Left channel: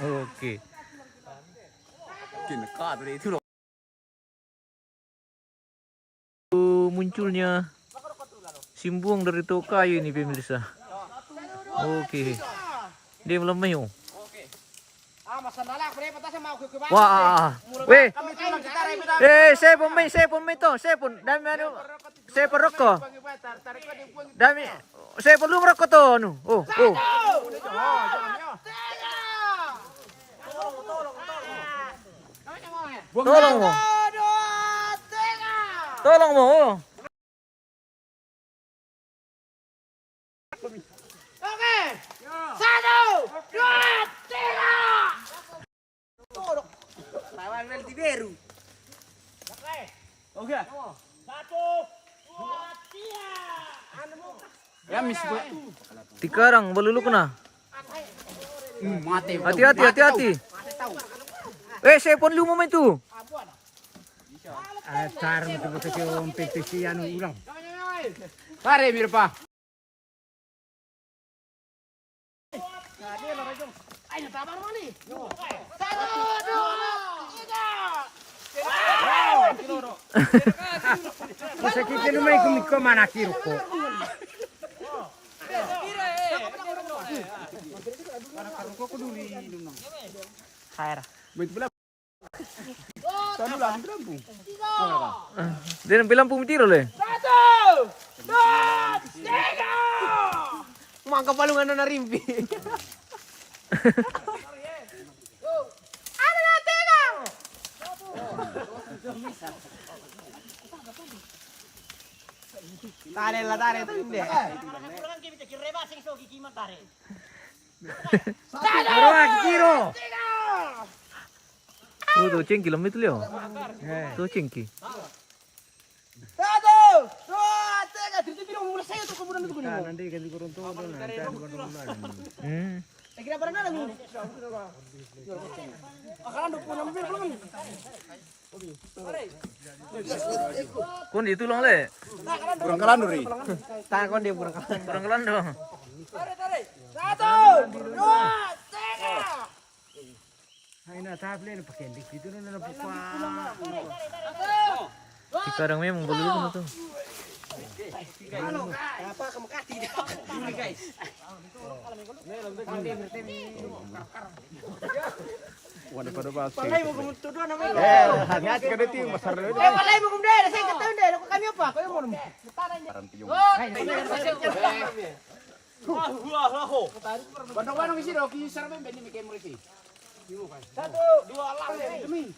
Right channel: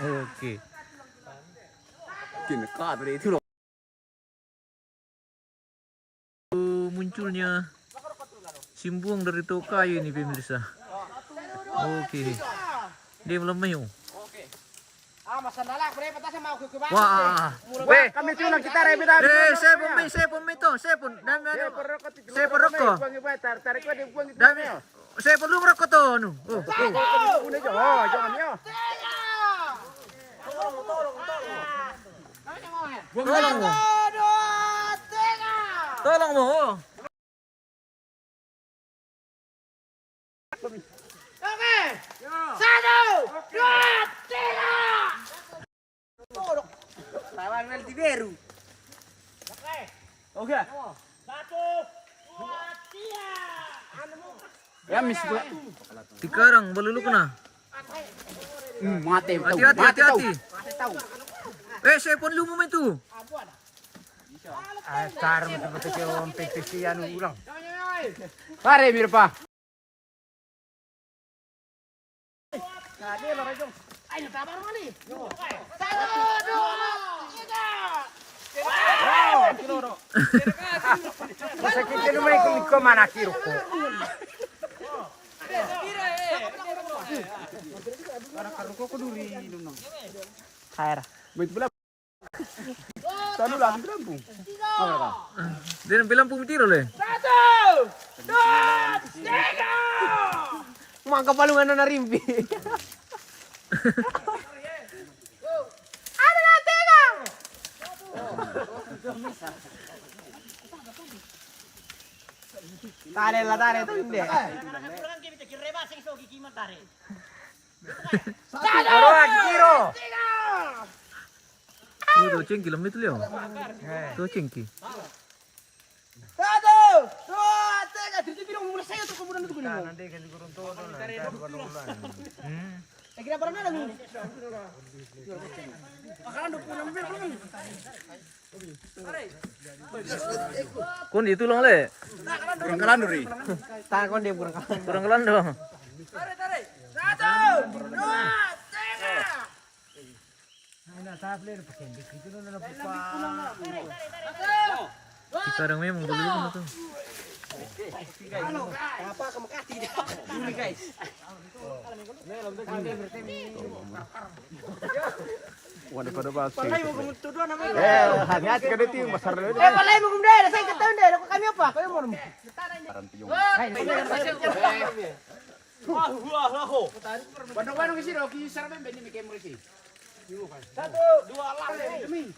Oke. Munculnya simbuang dari tokayu ini pemirsa. Oke. Dia melemah yuk. Wah. Weh. Saya pemain to. Saya pun dami anu. Saya perokok. Dami saya perlu merokok to anu. Oh. Tolong mo. Tolong mo. Oke. 1, 2, 3. Tolong. Lawan nanti biru. Oke. Oke. 1, 2, 3. Ya mis itu. Tikarang baluluk na. Mati. Hati. Saya pun lu moment tu. Pare mirpa. Ayo sabar mani. 1, 2, 3. Dia nak bilang pun tiro le. 1, 2, 3. Mangka palungan na rimpi. Ada na tiga. Tare tu hindi. Oh, tu cengki lama itu leo. Tu cengki. 1, 2, 3. Dito pinong mula sa'yo ito kumunan ito kunin mo. Kira parang na lang. Akalan po namin belum. Kon itu long le. Kurang kalan ri. Takon dia kurang kalan. Kurang kelan dong. Tare. 1, 2, 3. Tikarang memang baluluk na to. Halo guys. Apa kamu kasih ini guys. Waduh pada basi. Palay mo kumutudo na mo. Hati-hati ka dito yung masarap yun. Palay mo kumdaya, say ka tayo ndaya, kami apa? Kayo mo. Bandong-bandong isi do, ki sarap ben ni kay mo isi. 1, 2, lang demi.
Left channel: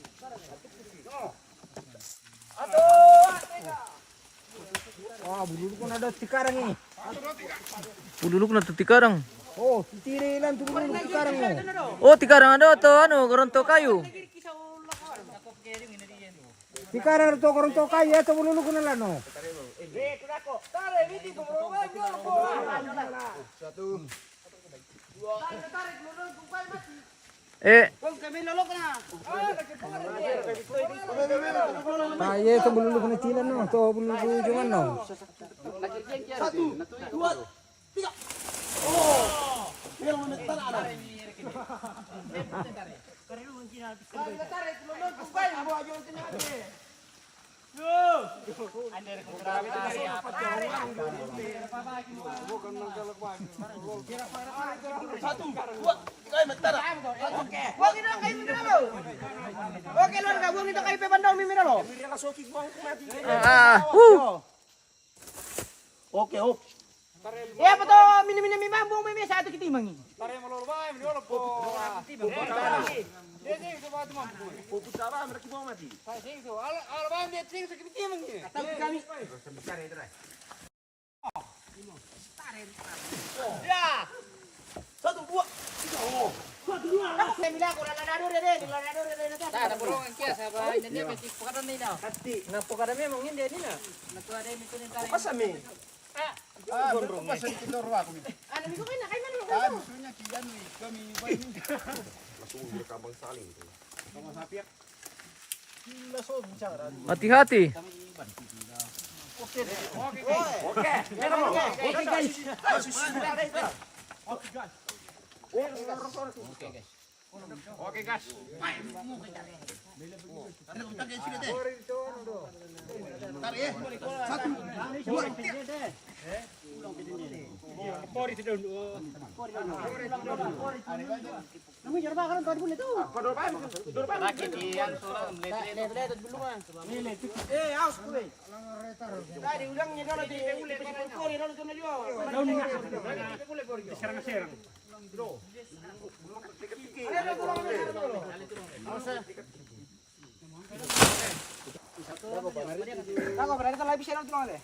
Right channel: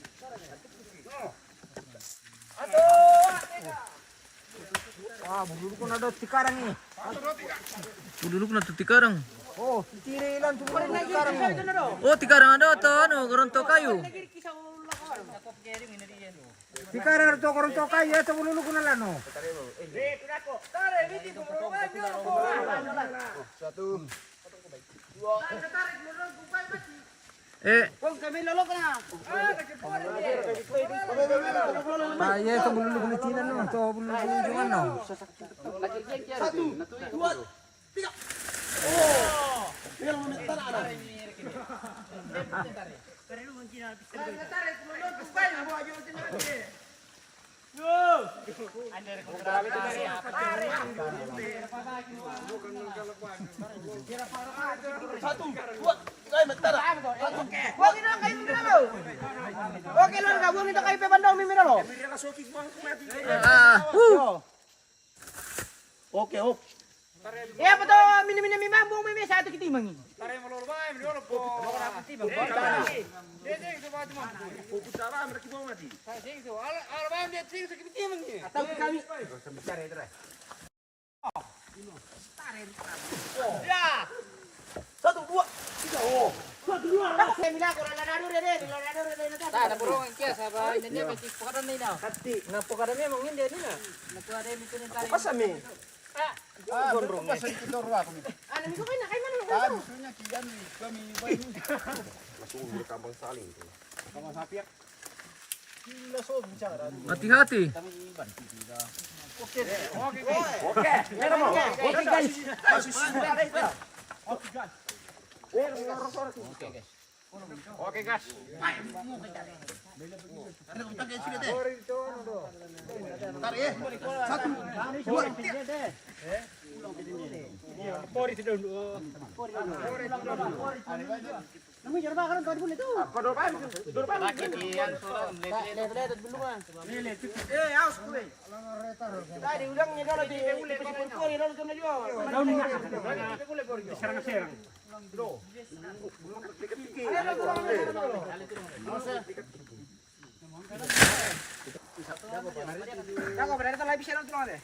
Bululuk na to tikarang. Oh, tiri lang tu tikarang. Oh, tikarang ada to ano, karon tokayu. Tikarang to karon to kay ya to bululuk na lang no. Kunako. Tare, biti ko mo. 1, 2. Kung kami lolok na. Ay, ito bululog na China no. Ito bululog na no. 1, 2, 3. Oh! Pero mo nagtala na. Pero mo China pistol. Tare, lolok ko kay mo ayo China. Yo! Under kontrata ya. Satu, dua, ay magtara. Okay. Wag ina kay Miralo. Okay lang ka, wag ito kay Pepandong Miralo. Okay, oh. Ya pato mini-mini mambong mimi sa ato kitimangi. Tare mo lolo bay, mo lolo po. Dede ko ba mo. Po putara mer ki mo mati. Sa sing so, al bay dia sing sa kitimangi. Atau kami. Tare tare. Ya. 1, 2, 3. Oh. 1, 2. Saya bilang orang lanador dede, lanador dede na. Tak perlu angkia sabar, ini dia kecil pokadan ni dah. Pasti. Na pokadan ni mungkin dia ni na. Na pokadan ni tu ni tarik. Pasami. Gondrong. Pasal kita ruak ni. Ano mi ko kay na kay man lo. Gusto niya kiyan ni kami bay. Kampung saling. Kampung sapiak. Kila so bicara. Hati-hati. Oke. Oke guys. Oke guys. Oke, gas. Tarik ya. 1, 2, 3. Ako, berarti tayo bisa lang tulungan deh.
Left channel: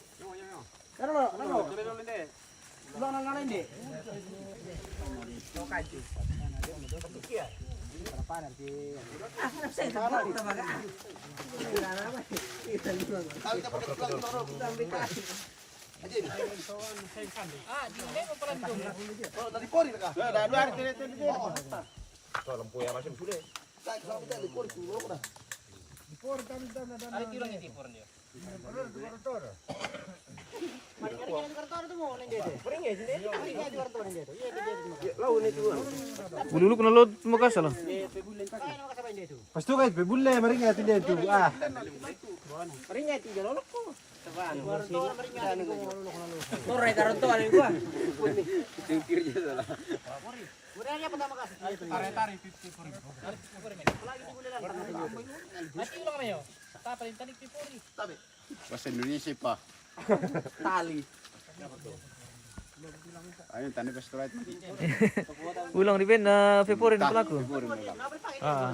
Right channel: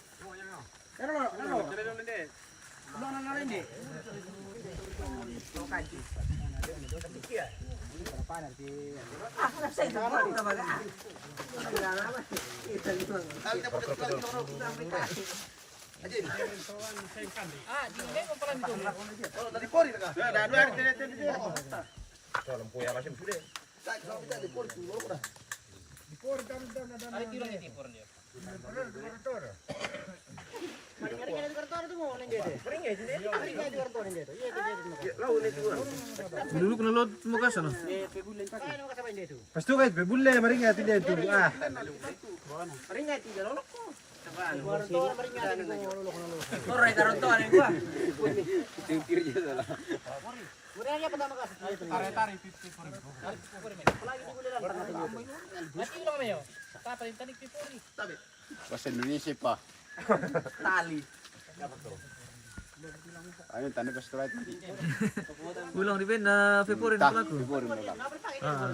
Bululuk na load mo ka sa Pastu guys, bebulle maringat dia itu. Ah. Bahasa Indonesia, Pak. Tali. Ayun, tanong ka straight. Ulang di Ben na February na pala ko. Ah.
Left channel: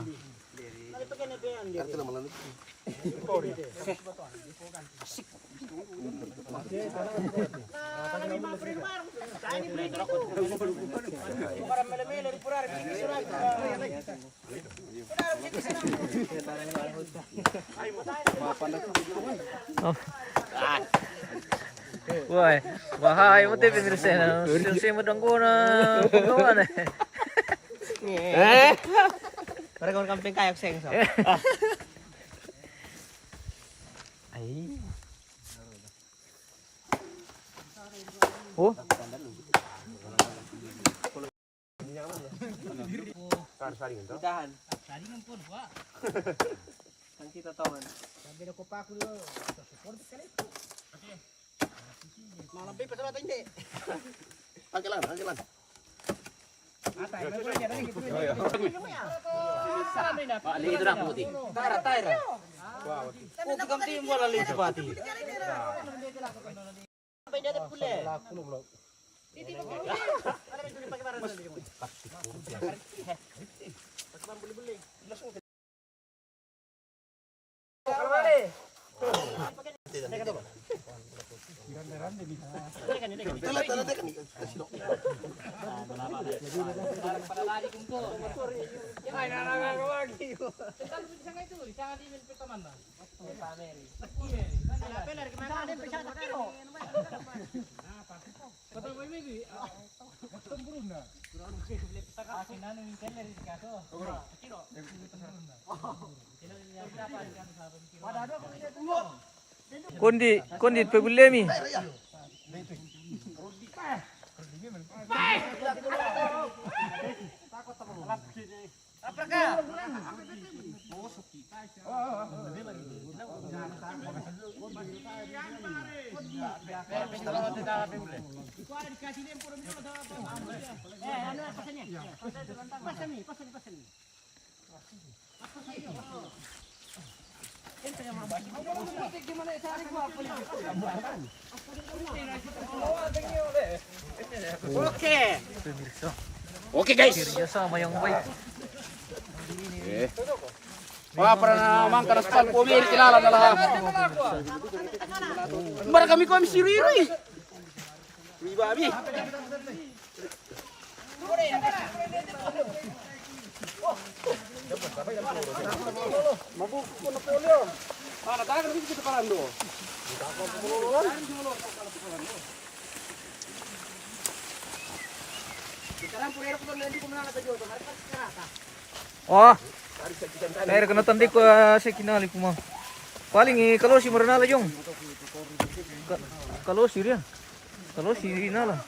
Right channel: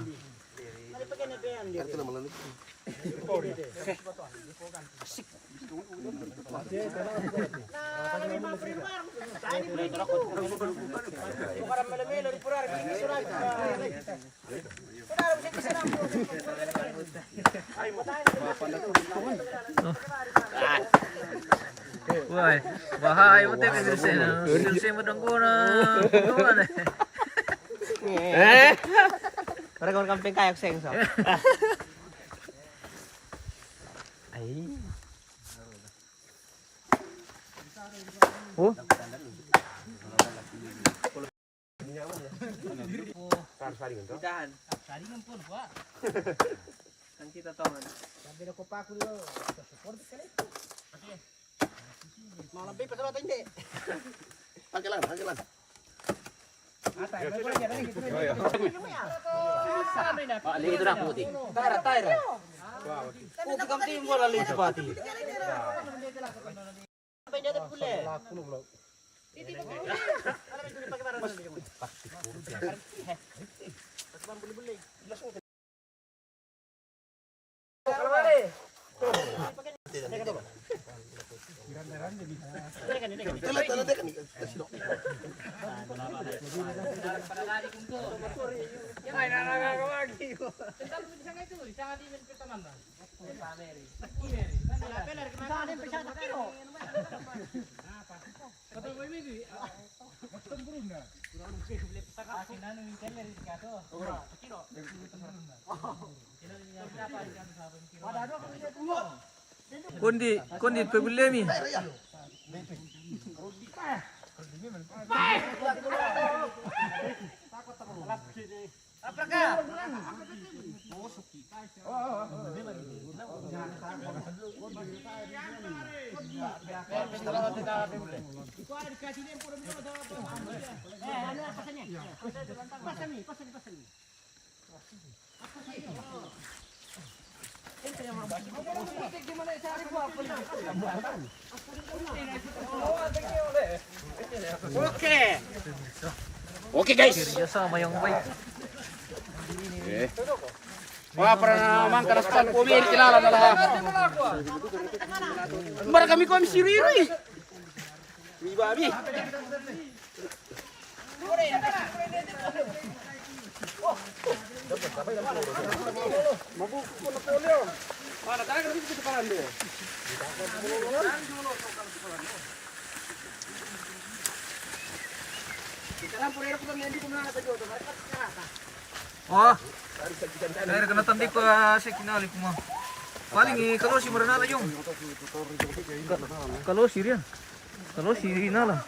Wah, bahaya mo tayo pemirsa na. Silsi mo dong ko na pagkawan eh. Para kau camping kayak seng so. Ay. Oh. Dahan. Saringan pun, Pak. Kan kita tahu. Sabi na ko pa ako lo. Support ka rin. Mau lebih pasal atau hindi? Angkelan. Itu nak putih. Taira. Putih kam tim bola li sepati. Sampai dia terpule. Titi pakai. Ada mencuri pakai barang dulu. Pakai beli-beli. Kalau balik. Kondi pegulemi. Oke, guys. Sama yang baik. Wah, pernah naman kanaspal po may kilala na lahat. Mara kami ko si Riri. Babi. Mabuko na polio. Mana talaga dito sa parando. Sekarang pulero ko hindi ko na natajo. Wah. Air kena tandik ko si kinali ko mo. Paling kalau si Murana la yung. Kalau si Rian. Kalau si Rina lah.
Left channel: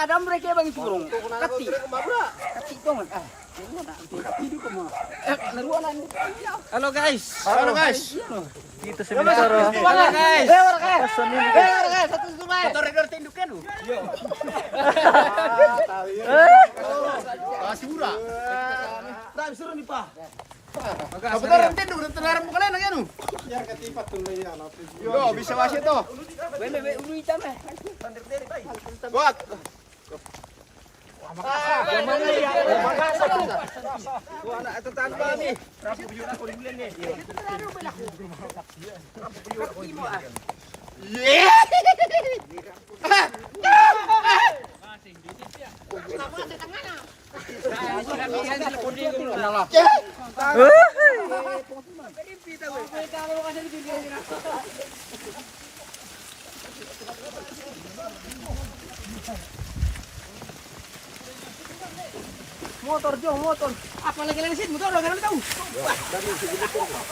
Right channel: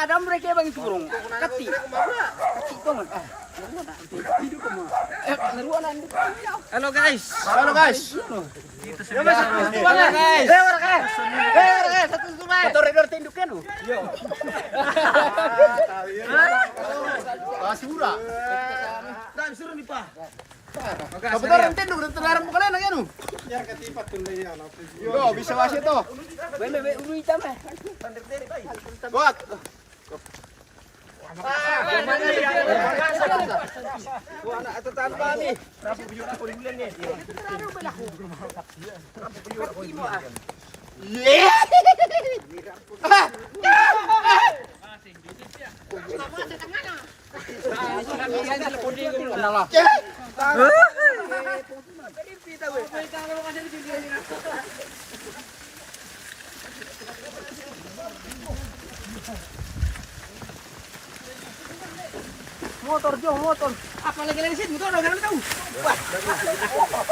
Ada mereka bagi turun. Kati. Kati tongan. Halo guys. Halo guys. Dito sa Bidaro. Halo guys. Satu sungai. Satu redor tindukan lu. Basura. Dami suruh nih, Pak. Kebetulan tinduk dan terlarang mo kalian ano? Yar katipat tun lay ano. Yo, bisa wasi to. Bebe ulu hitam eh. Buat. Gimana ya? Gua anak tetangga nih. Rapi buyur aku di bulan nih. Motor Jo, motor. Apa lagi sini? Motor udah tahu.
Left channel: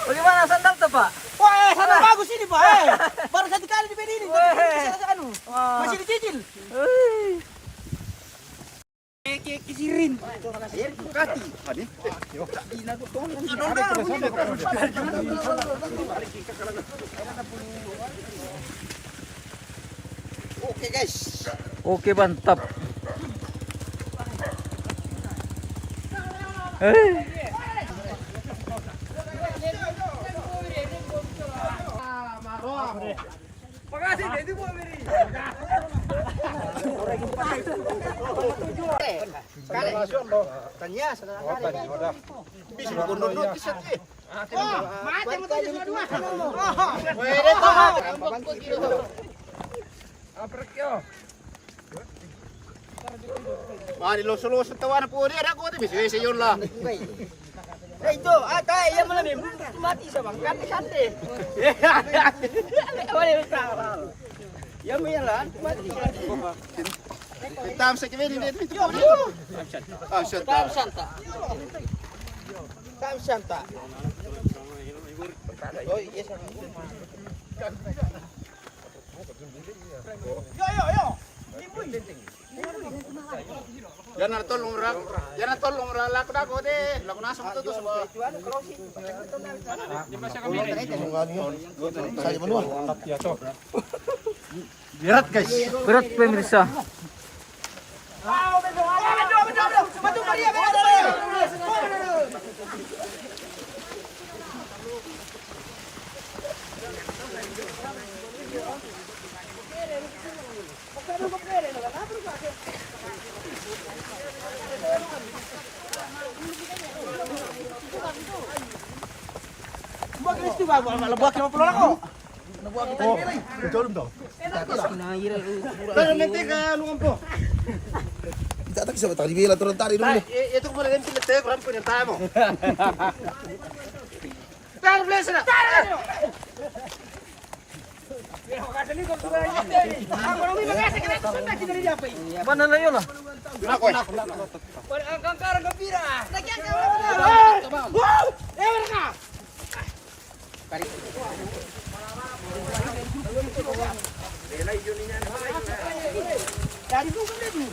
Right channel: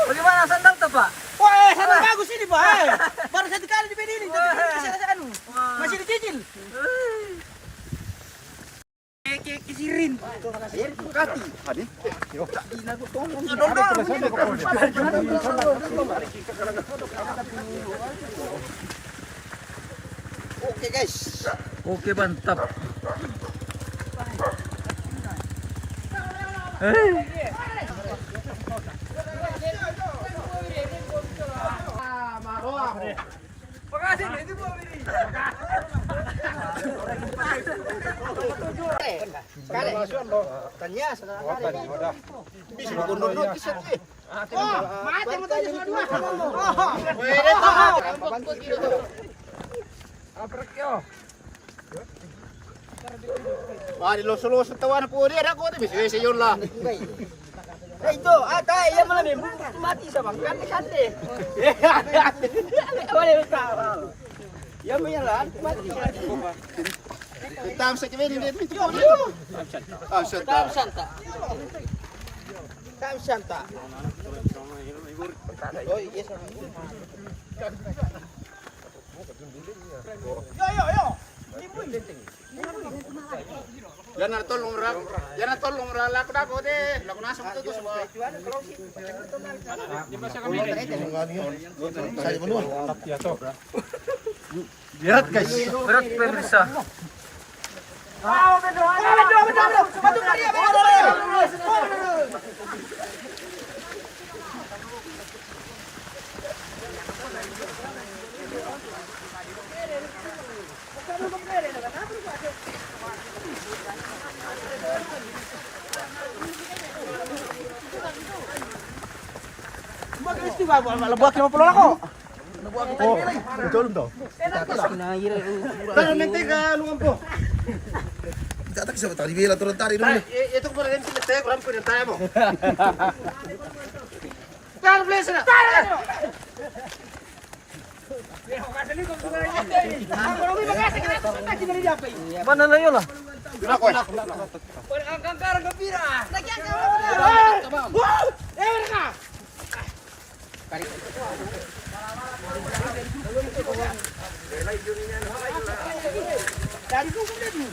Bagaimana sandal tuh, Pak? Wah, sandal bagus ini, Pak. Baru satu kali di ini. Masih dicicil. Kisirin. Kati. Oke, guys. Oke, mantap. Tanya saudara. Bisa gondol kisah eh. Oh, mati mo tayo sa dua. Pwede to. Wah, di loso-loso tawan po dia ako ti bisa yun lah. Eh itu, tay yang malam ini mati sa bang kante. Wala ka. Yang may lan mati. Tam sa kami ni dito. Tam santa. Tam santa. Oh, yes. Yo. Yan na tolong ra lako dako de. Lako na sa to sa. Berat, guys. Berat pemirsa. Lebuat 50 ako. Pero mente ka lungan po. Kita tak bisa tadi bila turun tadi dulu. Ito ko rin sila tayo, kuram ko ng tayo mo. Pero bless na. Mana na yun, ah? Nako. Ang karang gembira. Lagyan ka. Dari dulu kan dia.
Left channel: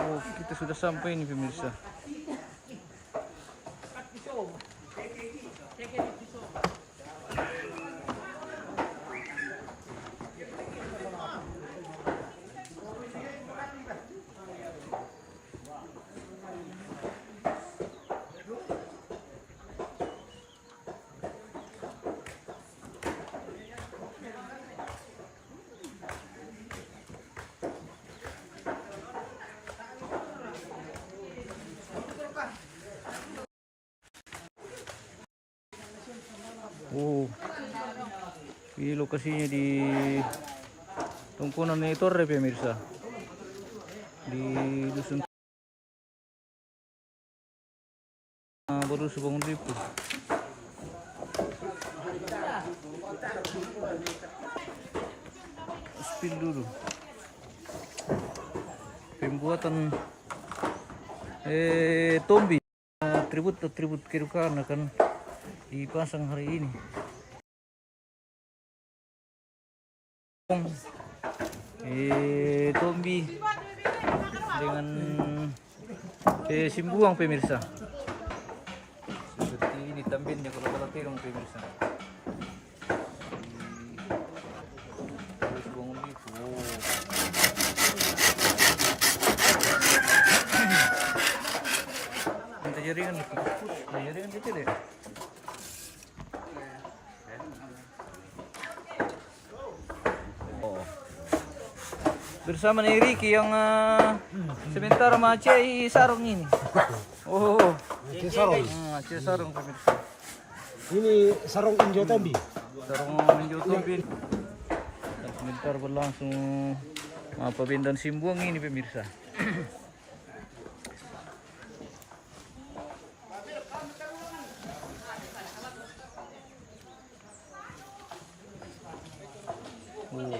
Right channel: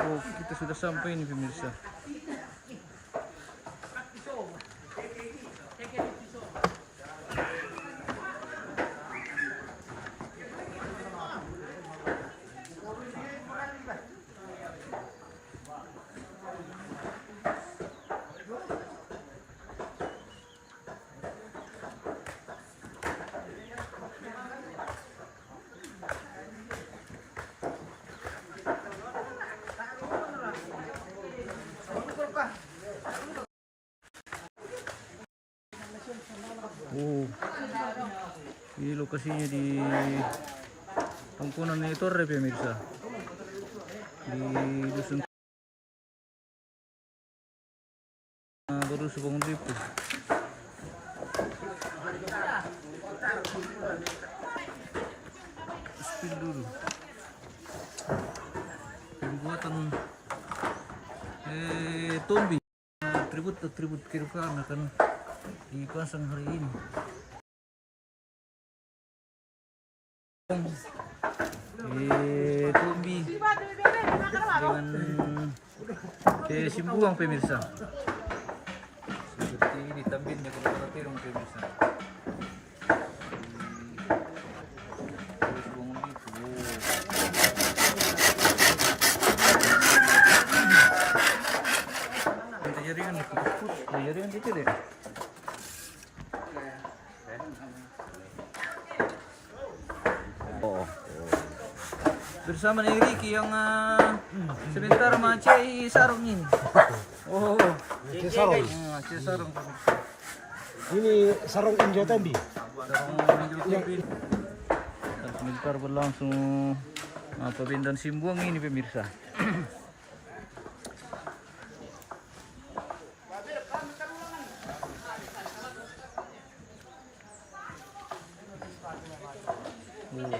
Oh, kita sudah sampai nih pemirsa. Oh, ini lokasinya di Tongkonan Torre pemirsa, di dusun baru Subang Lipu. Spill dulu. Pembuatan tombi, atribut kerukan akan dipasang hari ini. Tombi dengan simbuang pemirsa. Seperti ini tampilnya kalau kita terong pemirsa. Kita jaringan itu, jaringan kecil ya. Bersama nih Ricky yang sebentar sama Cei Sarung ini. Oh, Cei Sarung. Cei Sarung pemirsa. Ini sarung Injo Tombi. Sarung Injo Tombi. Dan sebentar berlangsung pembinaan simbuang ini pemirsa. Oh.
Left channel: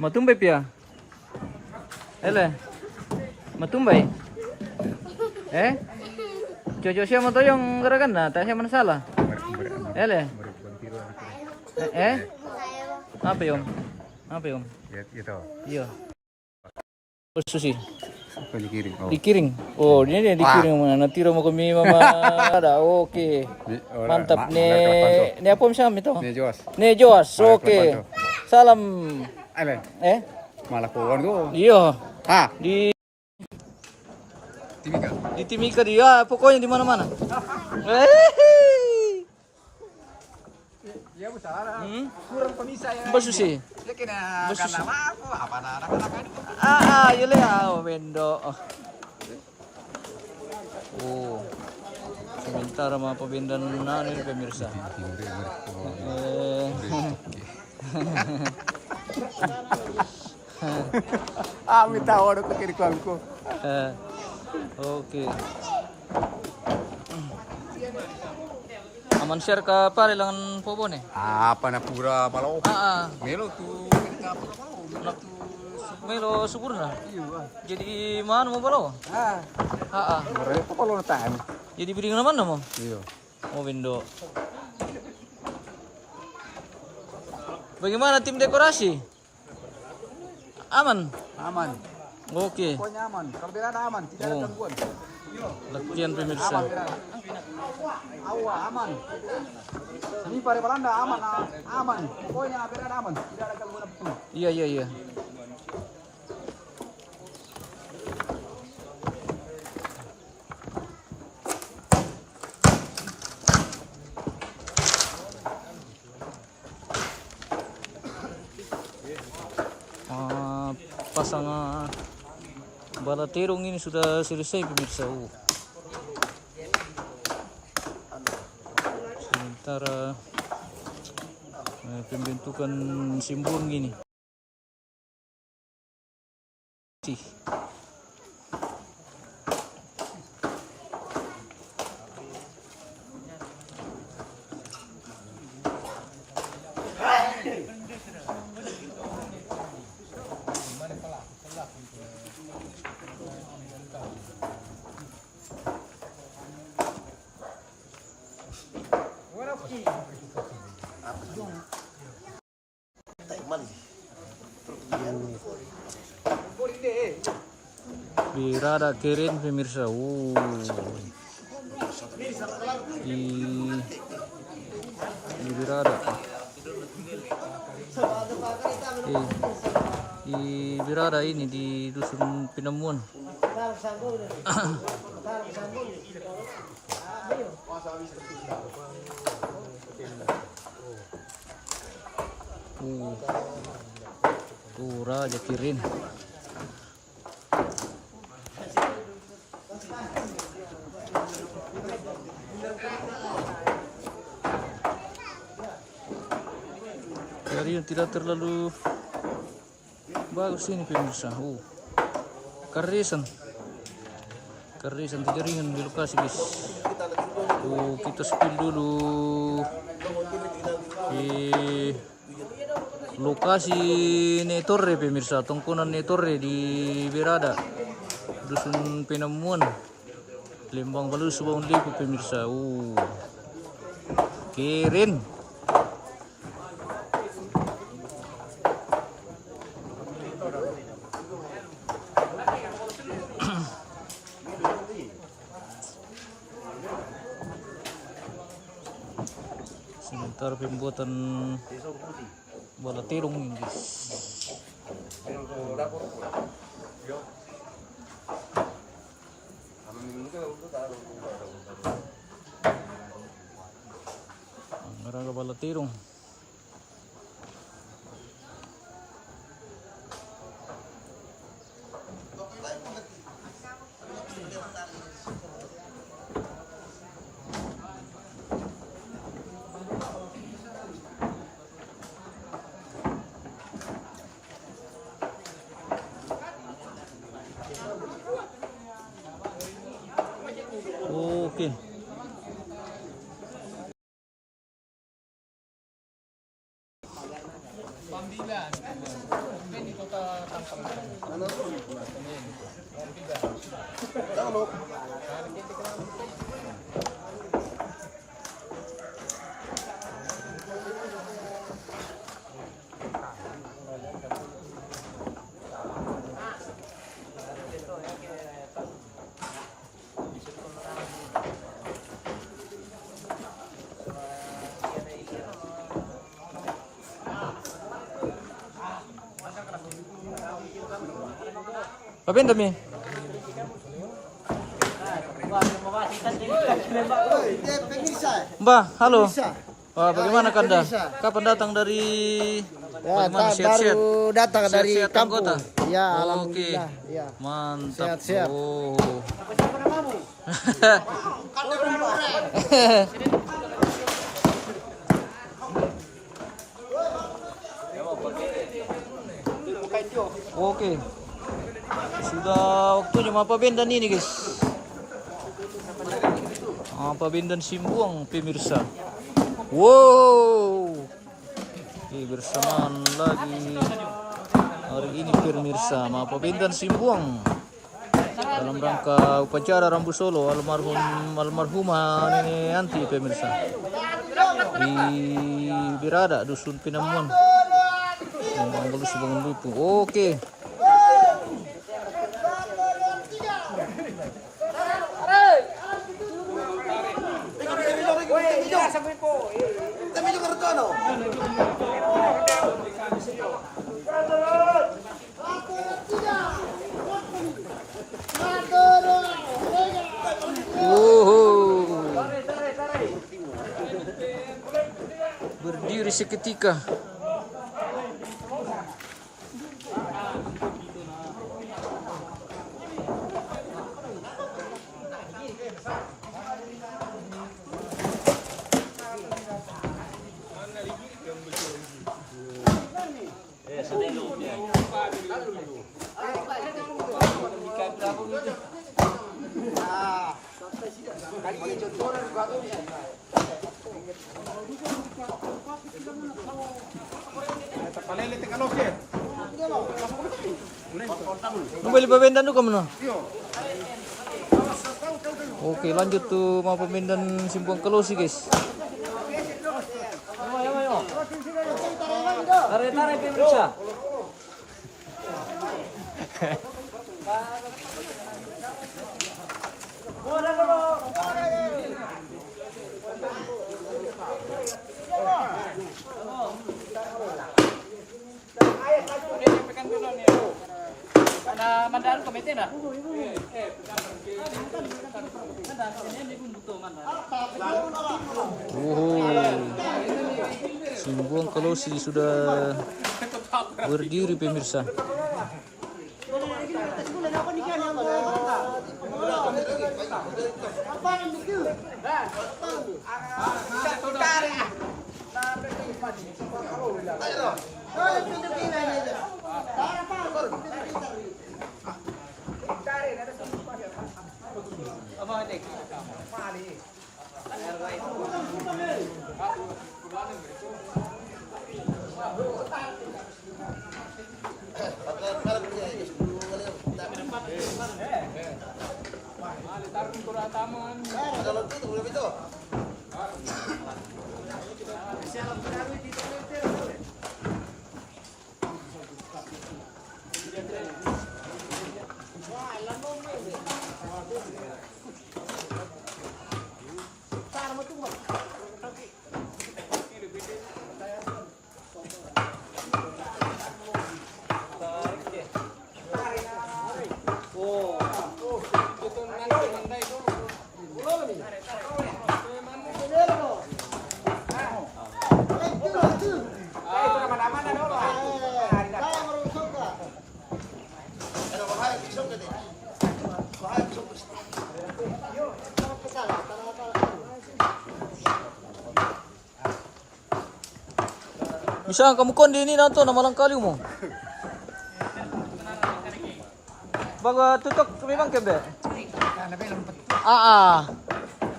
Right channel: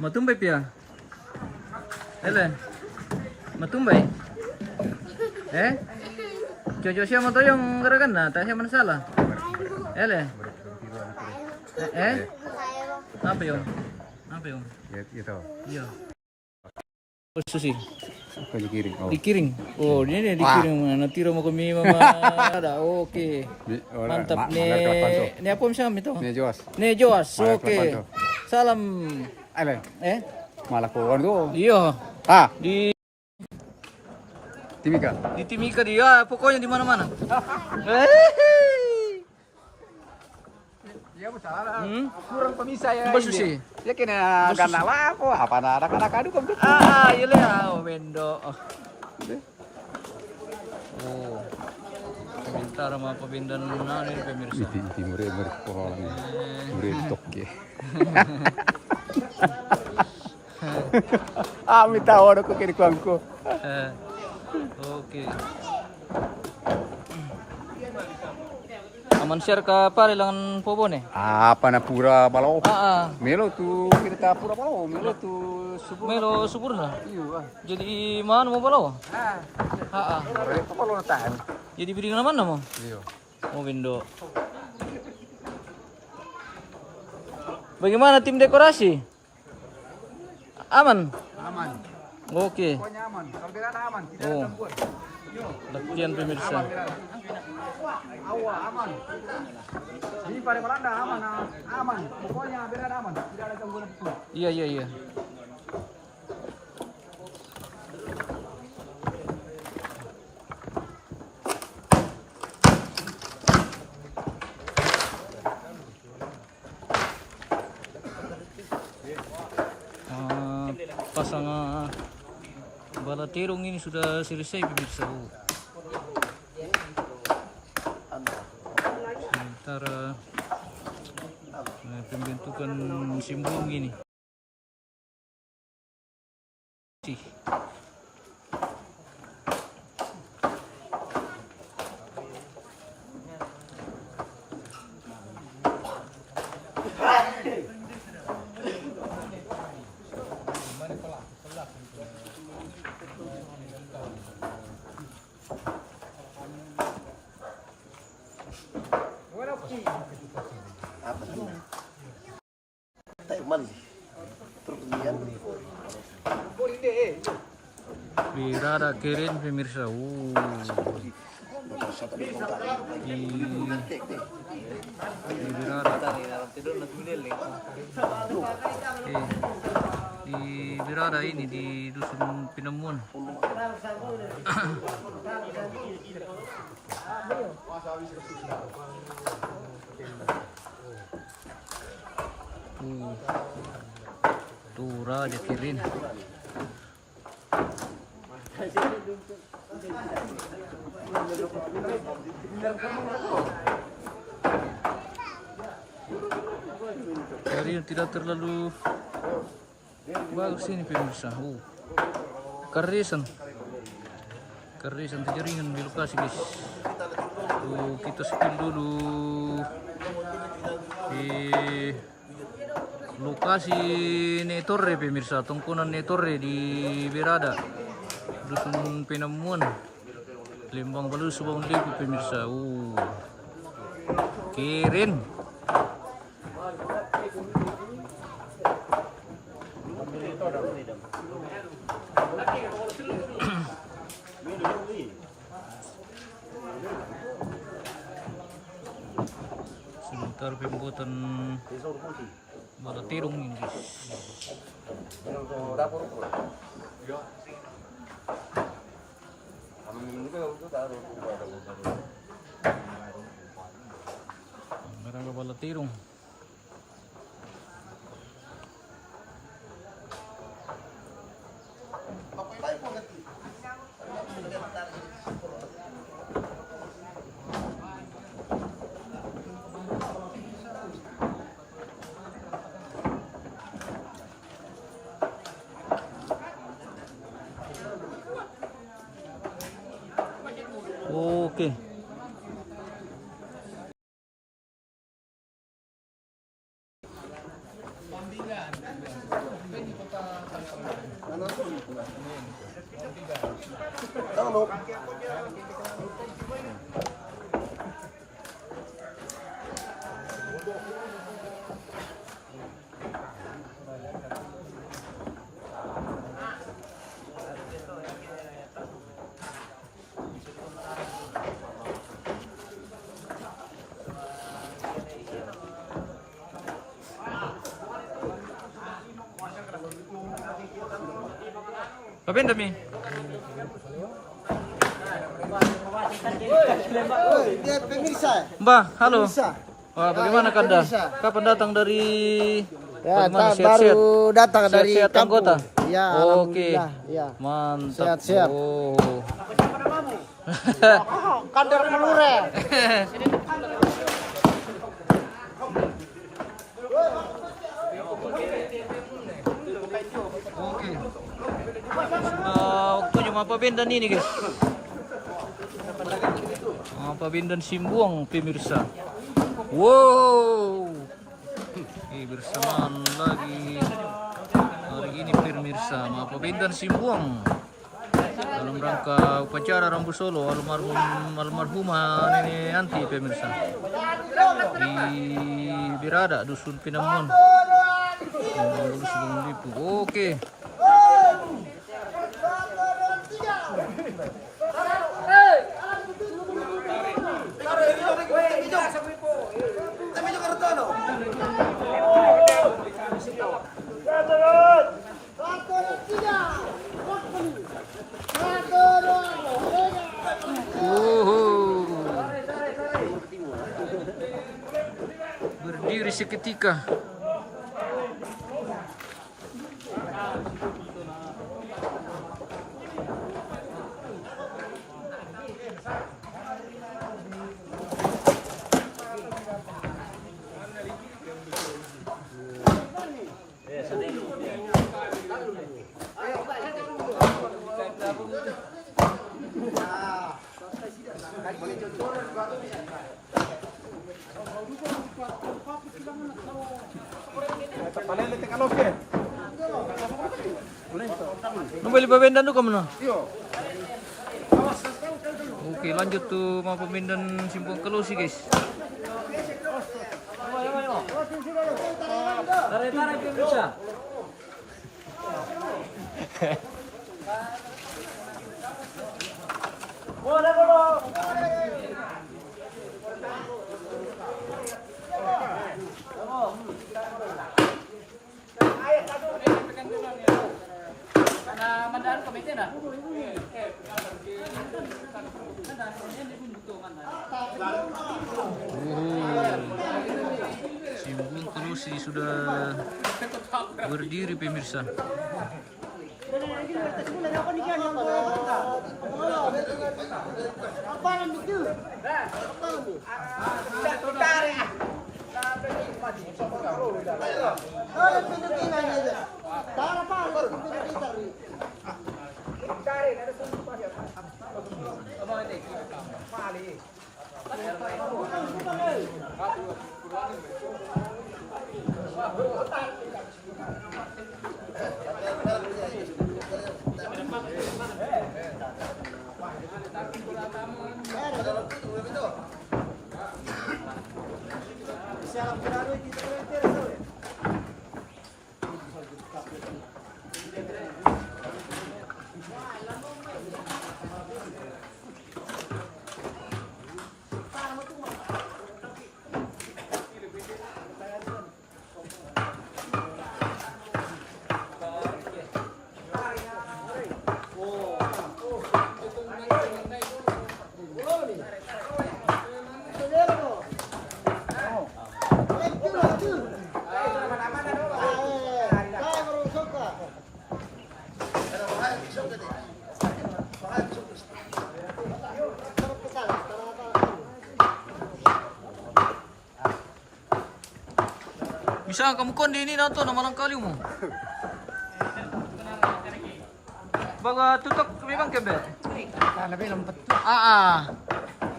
Matumbay pia. Ele. Matumbay. Jojo siya mo to yung garagan na, tayo siya manasala. Ele. Apa yung? Apa yung? Ito. Iya. Susi. Apa dikiring? Oh. Dikiring. Oh, ini dikiring mana? Natira mo kami mama. Ada. Oke. Mantap nih. Ini apa siya ito? Ne Joas. Oke. Salam. Alan. Malah kawan ko. Iya. Di Timika. Di Timika dia, pokoknya di mana-mana. Iya besar. Kurang pemisah ya. Basu sih. Ya kena ganala ko. Apa anak-anak adu kan. Iya lah, bendo. Oh. Sebentar sama pembinaan ini pemirsa. Timure pohon. Stok ya. Minta orang ke kiri kuangku. Oke. Aman share ka pare langan pobone. Apa na pura balo. Ah. Melo tu kita pura balo. Melo tu Melo sempurna. Jadi mana mau balo? Jadi bidding mana mau? Oh window. Bagaimana tim dekorasi? Aman? Aman. Oke. Pokoknya aman. Hampir ada aman. Tidak Oh. Latihan pemirsa. Ini pada Belanda aman. Aman. Pokoknya hampir ada aman. Iya. Pasang bala terong ini sudah selesai pemirsa. Sementara pembentukan simbol gini. Birada keren pemirsa. Di Birada. Di Birada ini di dusun Pinamuan. Tuh raja keren. Dari yang tidak terlalu bagus ini pemirsa. Karisan jaringan di lokasi guys. Kita spill dulu di lokasi Netorre pemirsa, tongkonan Netorre di Birada, dusun Penamuan, Lembang Balus, Subang Lepu pemirsa. Keren. Sebentar pembuatan bala terong ini guys. Ngaraga bala terong. Oke. Apa yang demi? Mbak, halo. Wah, bagaimana Kanda? Kapan datang dari? Ya, bagaimana baru datang dari Sehat-sehat kampung. anggota? Ya, Oke. alhamdulillah. Ya. Mantap. Sehat-sehat. Oh. Kader Melure. Oke. Sudah waktunya apa bendan ini, guys? Apa bendan simbuang pemirsa. Wow. Bersamaan lagi Hari ini pemirsa mga pabindan Simbuang dalam rangka upacara Rambu Solo almarhumah Nenek Yanti pemirsa di Birada Dusun Pinamuan Manggulu Subang Lipu. Oke. Berdiri seketika. Beli pabindan dulu kamu. Oke, lanjut tuh mau pabindan Simbuang Kelosi guys. Tarik-tarik pemirsa. Mandaan komite na. Simbuang Kelosi sudah berdiri pemirsa. Bisa kamu kondi ini nanto na malang kali mo. Baga tutok memang kebe. Kana bilang betul.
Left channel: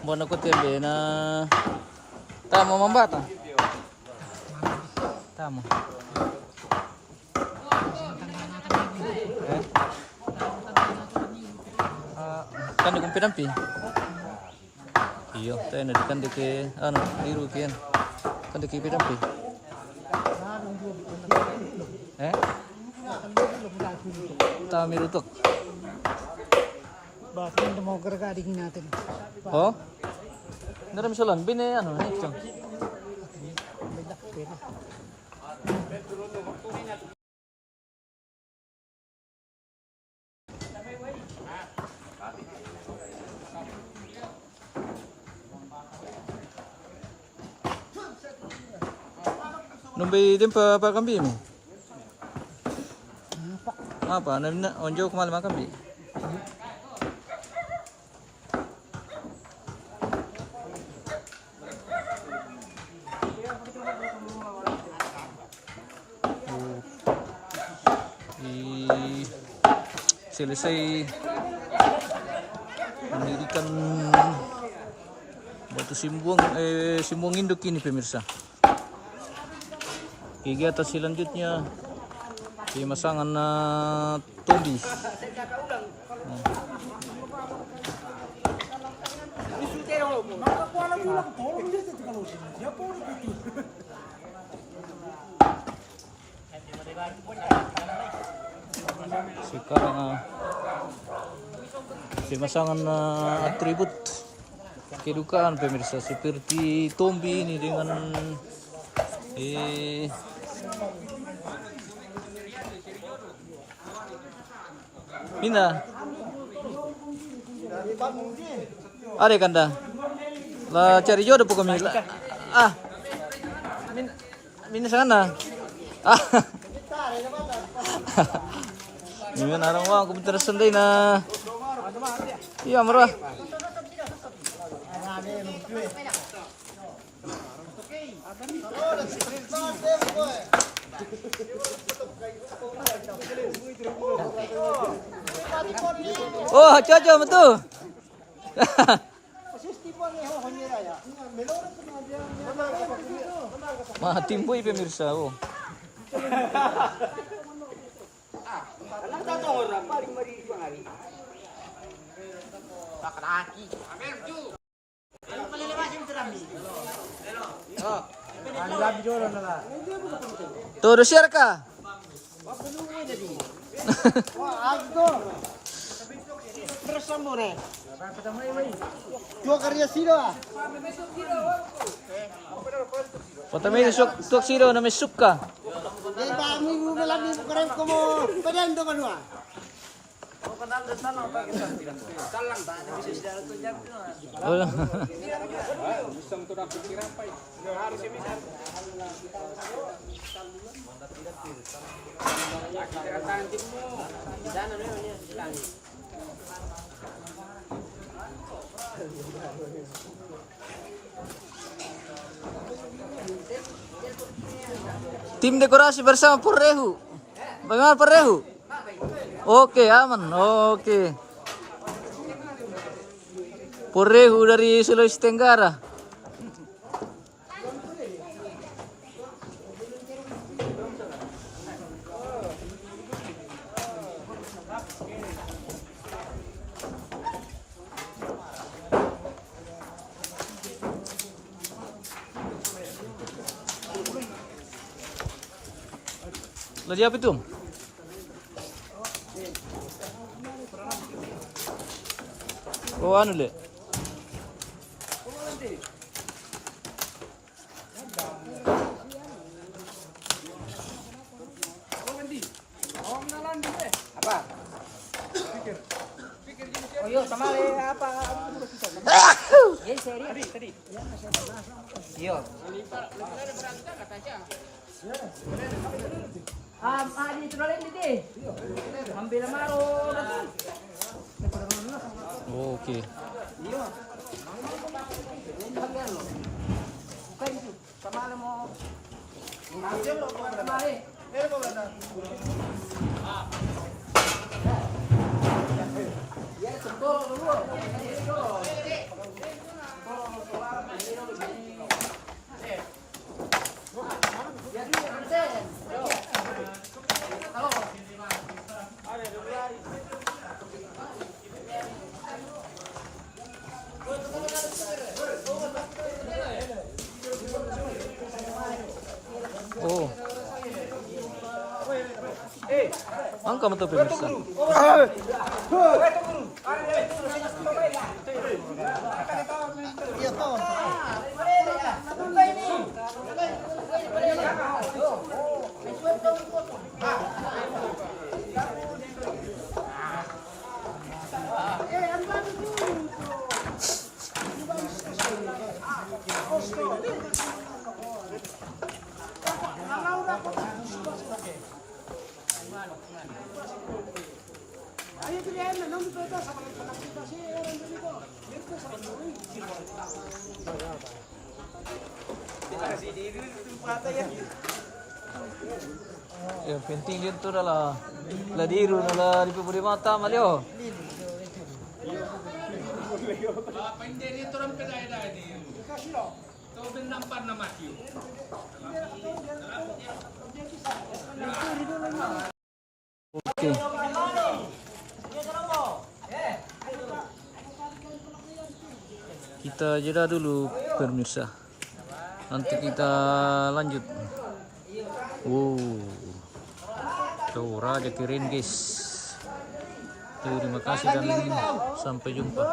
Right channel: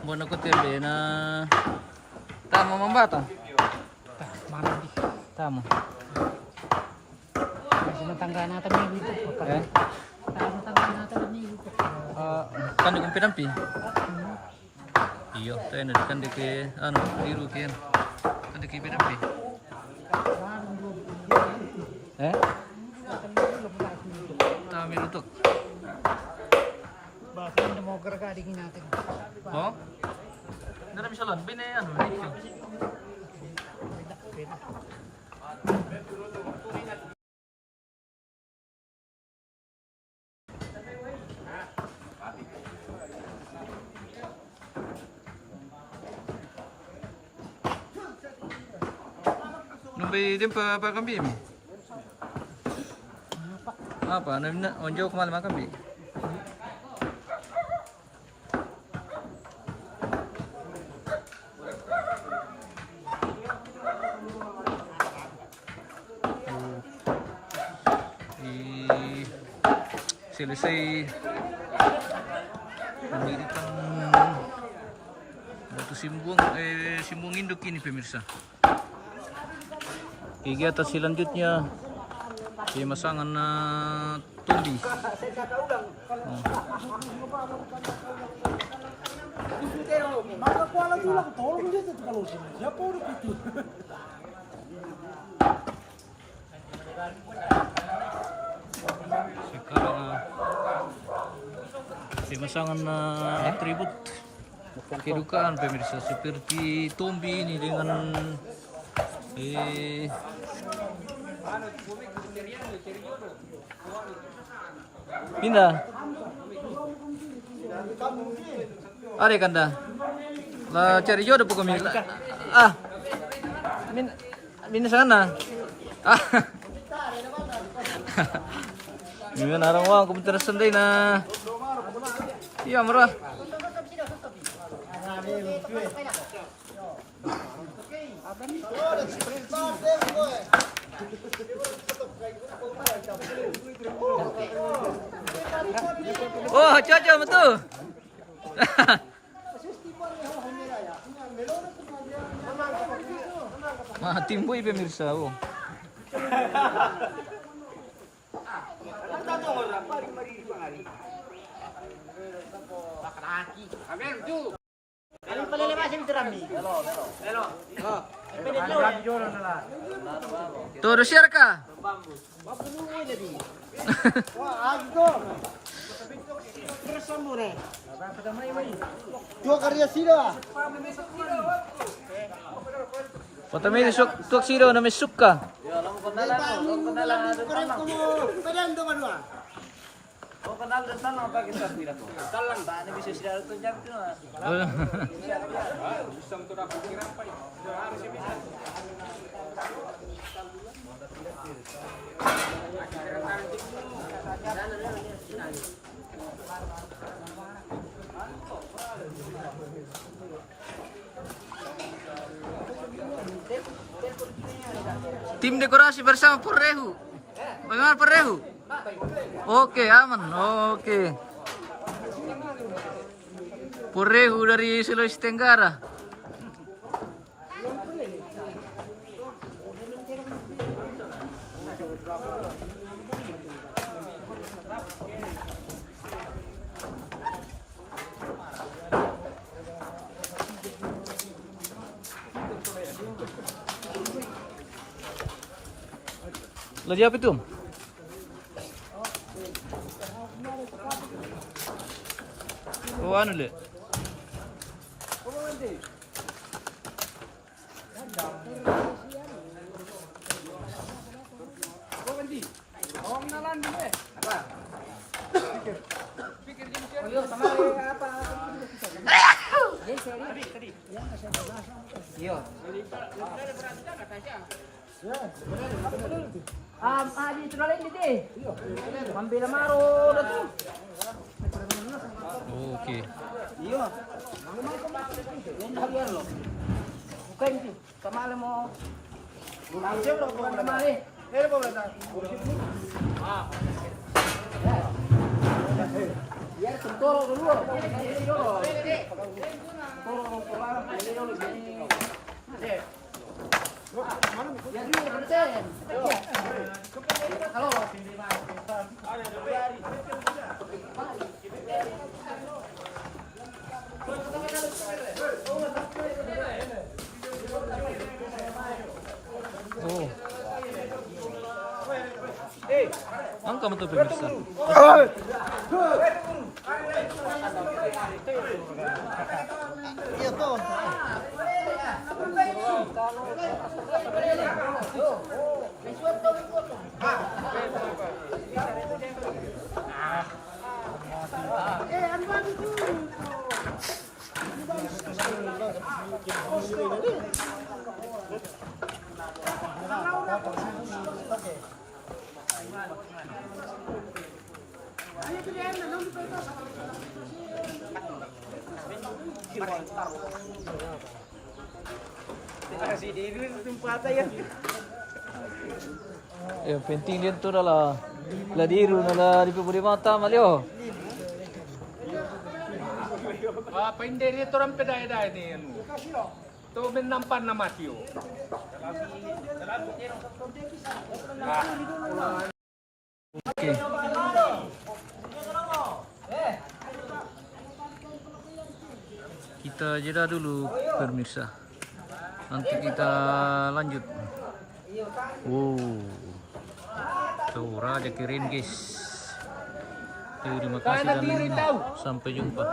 Mo na ko kebe na tama mambata. Tama. Tangga natin yung video. Kan kung pinampi. Iyo, tayo na kan ke ano, diru kian. Kan ke pinampi. Tami rutok. Bakit hindi mo gargadihin natin? Oh? Naram siya lang, bine ano, ito. Numbi din pa kambi mo. Apa? Onjo kumal makambi. Selesai pendidikan Batu Simbuang Simbuang Induk ini pemirsa. Kegiatan selanjutnya Pemasangan na Tombi. Oh. Sekarang pemasangan atribut kedukaan pemirsa seperti Tombi ini dengan pindah. Ada kanda. Lah cari jodoh pokoknya. Ah. Min sana. Ah. Ini narang wang komputer sendiri na. Iya murah. Oh, cocok betul. Mah timboy pemirsa. Oh. Tuh, share ka? Wah, gitu. Bersama nih. Dua karya sila. Patami tuk siro na may suka. Dahil ba mo lang mo korang ko mo. Kaya ando ka dua. Tim dekorasi bersama Purrehu. Bagaimana Purrehu? Oke, aman. Oke. Purrehu dari Sulawesi Tenggara. Lagi apa itu? Oh, anu le. Di terlalu ini deh. Ambil maro dah. Oke. Iya. Bukan itu. Sama le mau. Ini lo bukan kemari. Ya, sentuh dulu. Oh. Angka betul pemirsa. Iya tuh. Yang penting dia tu adalah ladiru nala di puri mata malio. Apa hindi rito rin pinay-day niya? Ito binampan na Matthew. Oke. Kita jeda dulu pemirsa. Nanti kita lanjut. Tuh Raja Kirin guys. Terima kasih dan sampai jumpa.